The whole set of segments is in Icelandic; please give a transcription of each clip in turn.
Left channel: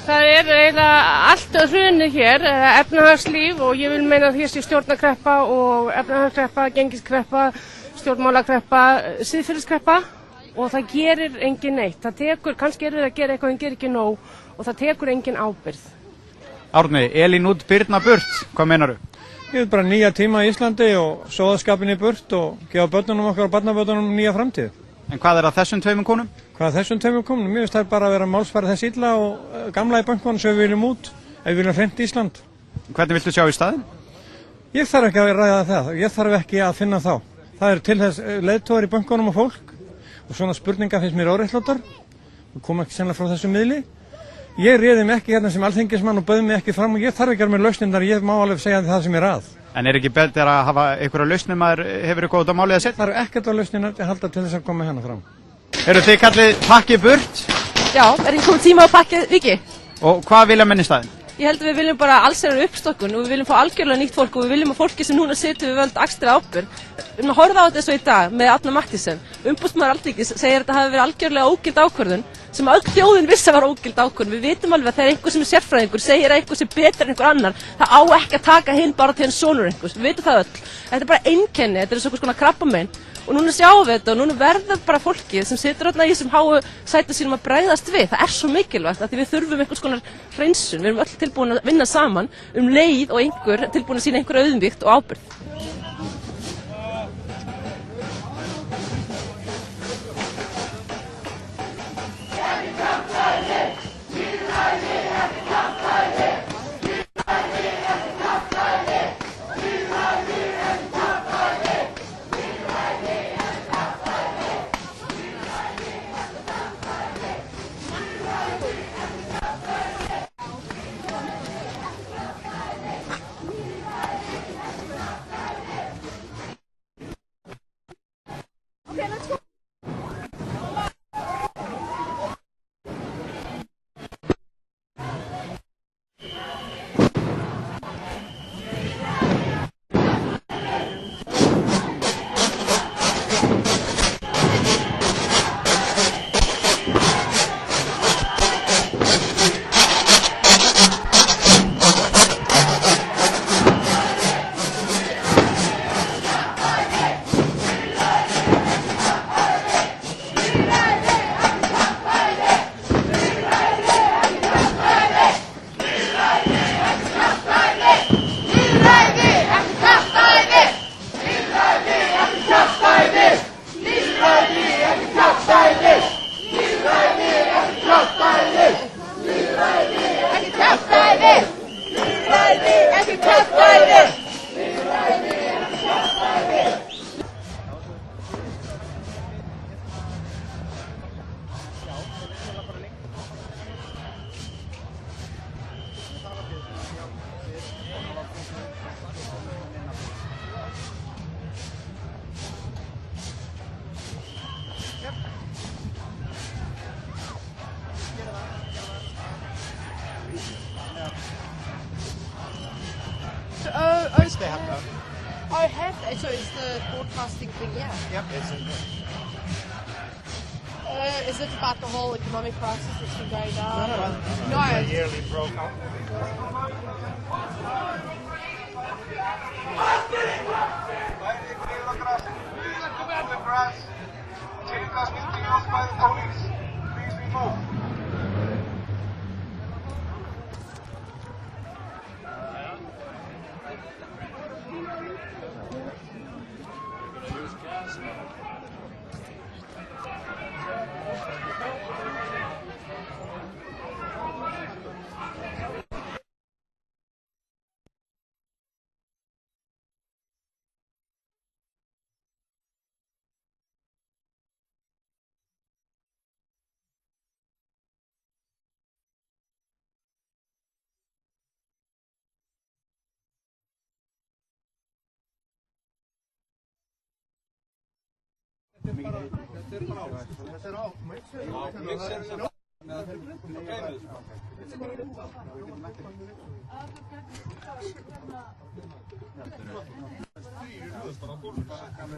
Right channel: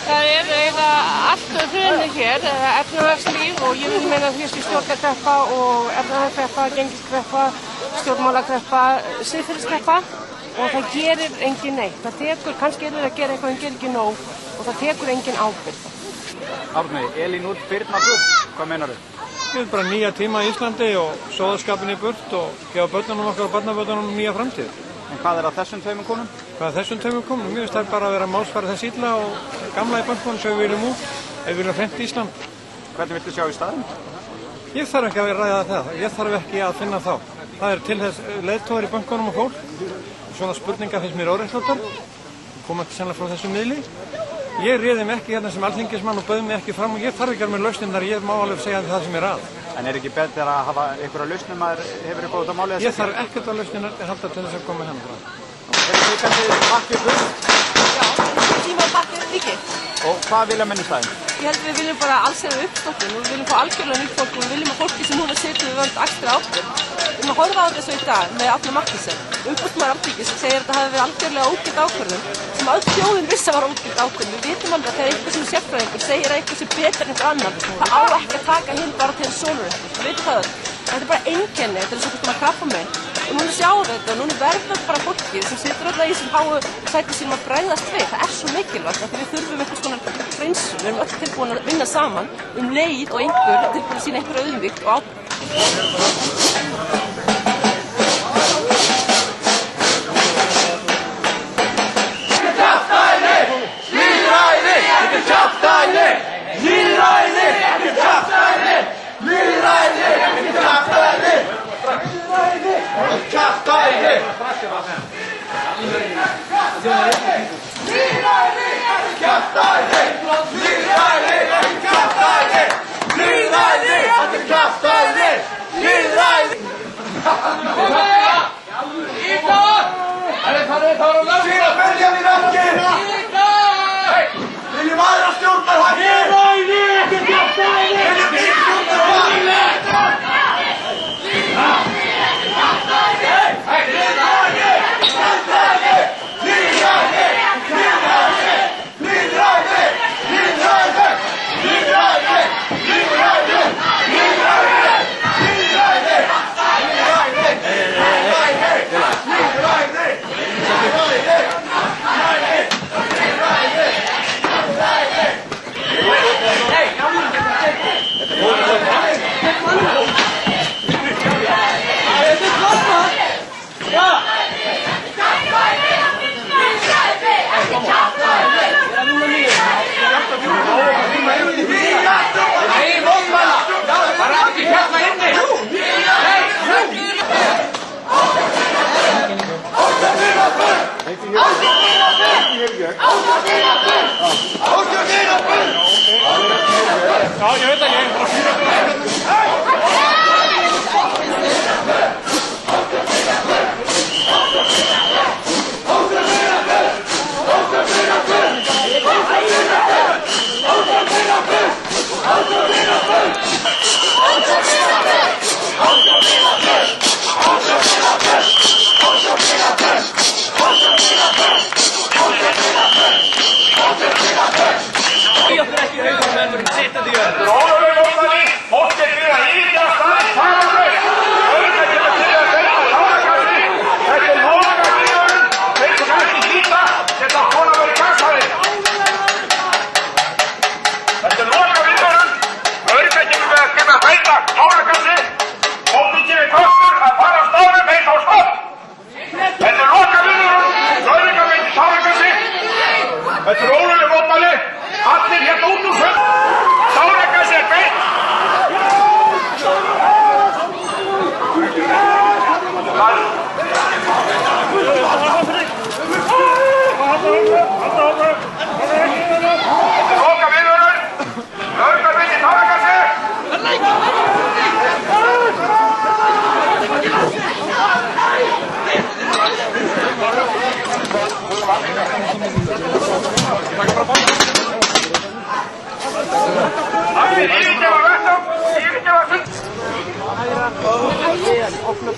Það eiginlega alltaf hrunið hér, efnahagslíf og ég vil meina því að stjórnarkreppa og efnahagskreppa, gengiskreppa, stjórnmálakreppa, siðferðiskreppa og það gerir engin neitt. Það tekur, kannski er það að gera eitthvað en gerir ekki nóg og það tekur engin ábyrgð. Árni, Elín út, Birna burt, hvað meinar þú? Við erum bara nýja tíma í Íslandi og sóðaskapin í burt og gefa börnunum okkar og barnabörnunum nýja framtíð. En hvað að þessum tveimur konum? Hvað að þessum tveimur konum? Mér finnst það bara að vera málsfæra þess illa og gamla í bankunum sem við viljum út, ef við viljum hreint Ísland. Hvernig viltu sjá í staðinn? Ég þarf ekki að ræða það, ég þarf ekki að finna þá. Það eru til þess leiðtogar í bankunum og fólk og svona spurningar finnst mér óréttlátar. Ég kom ekki sennilega frá þessum miðli. Ég réði mig ekki hérna sem alþingismann og bauð mig ekki fram og ég þarf ekki að vera með lausnir, ég má alveg segja það sem ég að. En ekki betur að hafa einhverja lausnir maður hefur eitthvað út á málið að setja? Ég þarf ekkert á lausnir að halda til þess að koma hérna frá. Eru þið kallið pakkið burt? Já, er ekki komið tíma á pakkið ekki? Og hvað vilja menn í staðinn? Ég held að við viljum bara allsherjar uppstokkun og við viljum fá algjörlega nýtt fólk og við viljum að fólki sem núna situr við völd axli ábyrgð. Við viljum að horfa á þetta svo í dag með Árna Mathiesen. Umboðsmaður Alþingis segir að þetta hafi verið algjörlega ógild ákvörðun sem öll þjóðin vissi að var ógild ákvörðun. Við vitum alveg að þegar einhver sem er sérfræðingur segir að einhver sem betur en einhver annar, það á ekki að taka hinn bara til en sonur einhvers. Við vitum það öll. Þetta er bara einkenni, þetta er svona krabbamein og núna sjáum við þetta og núna verður bara fólkið sem situr alltaf í þessum háu sæti sínum að bregðast við. Það er svo mikilvægt að við þurfum einhvers konar hreinsun. Við erum öll tilbúin að vinna saman leið og einhver tilbúin að sýna einhver auðmýkt og ábyrgð.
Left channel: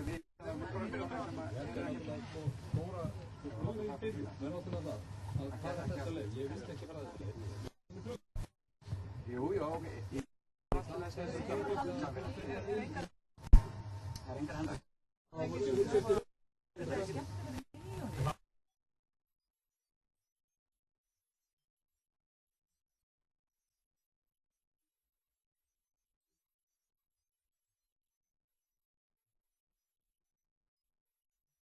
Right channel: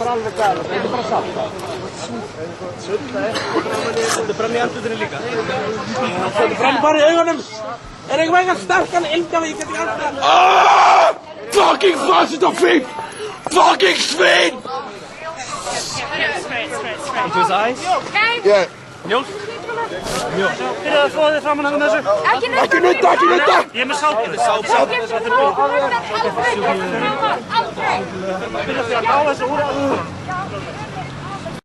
bara alveg gæla, þetta bara satt. Þetta brann í andlutinu líka. Þetta brann bara í augunum. Eitthvað eitthvað sterkan ilmgjafi, ég get ekki alltaf. Fucking fascist og fík! Fucking svin! Into his eyes? Yeah. Mjólk? Mjólk. Byrjaðu að þvoða þig framan hann með þessu. Ekki nutta! Ég er með sápu. Sápu. Byrjaðu að ná þessu úr.